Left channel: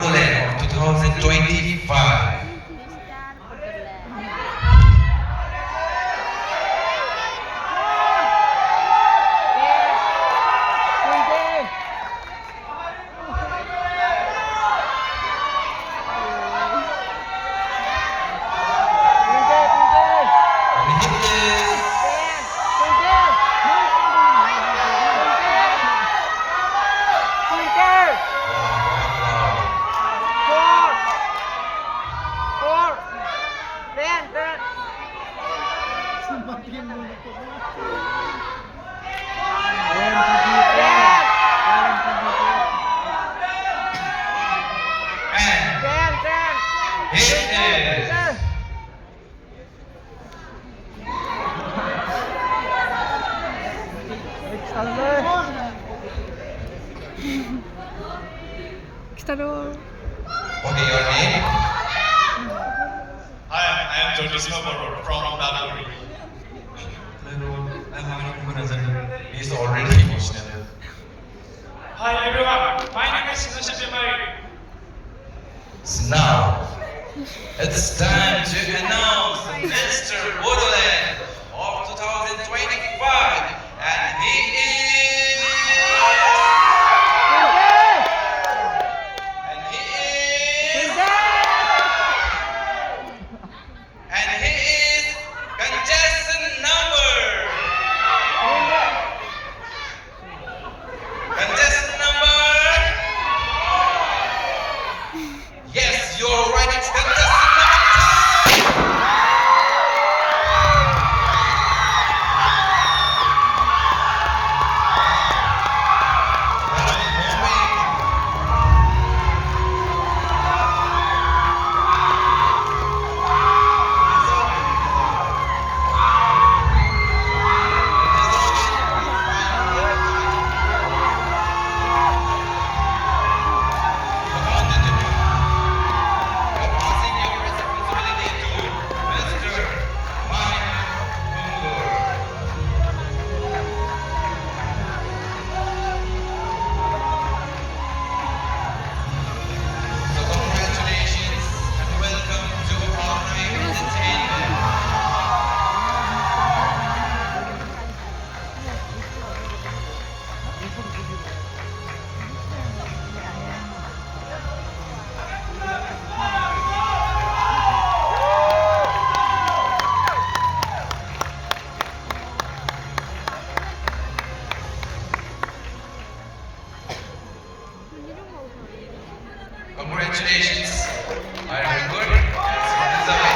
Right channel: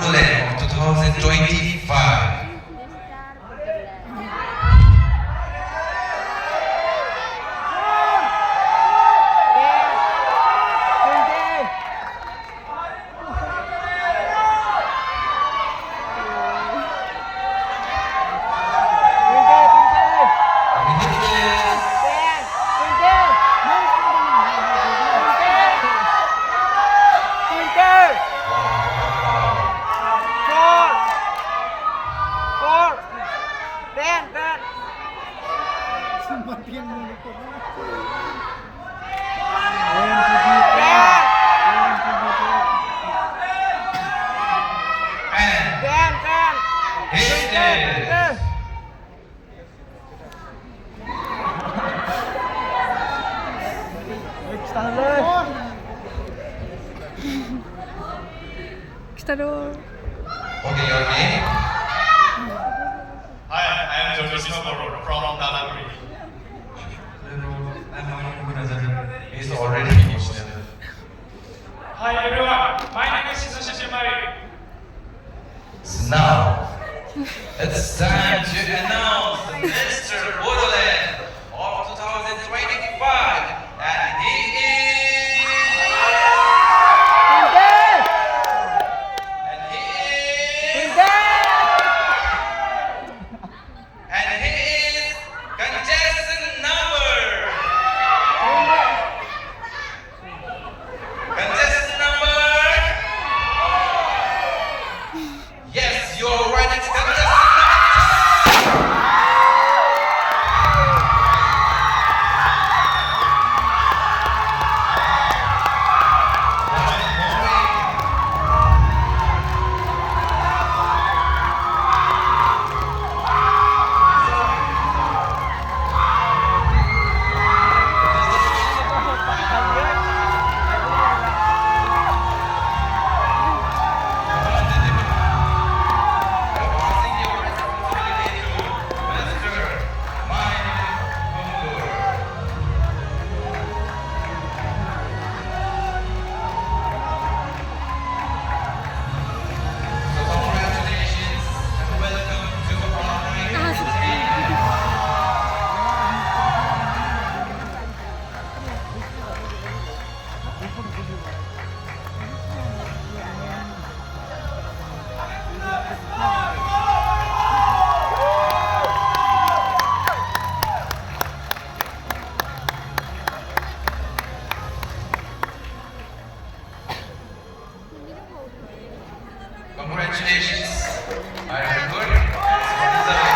Land of 2025. And hit this. And hit this. Okay, your name? Hi, I am Jogi Snowboro from Nagpur. Hello, I'm Mani Murazali. He's already emotional. Hi everyone, my name is Nashid Jamari. So now, it's time to announce the Mr. Bodoland of 2025, and he is. And he is contestant number. Contestant number. Yes, you're right. It's contestant number 2. Congratulations. Are you good? This is the way.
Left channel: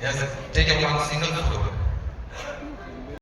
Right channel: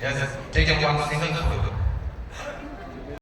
Yes, take it one single photo.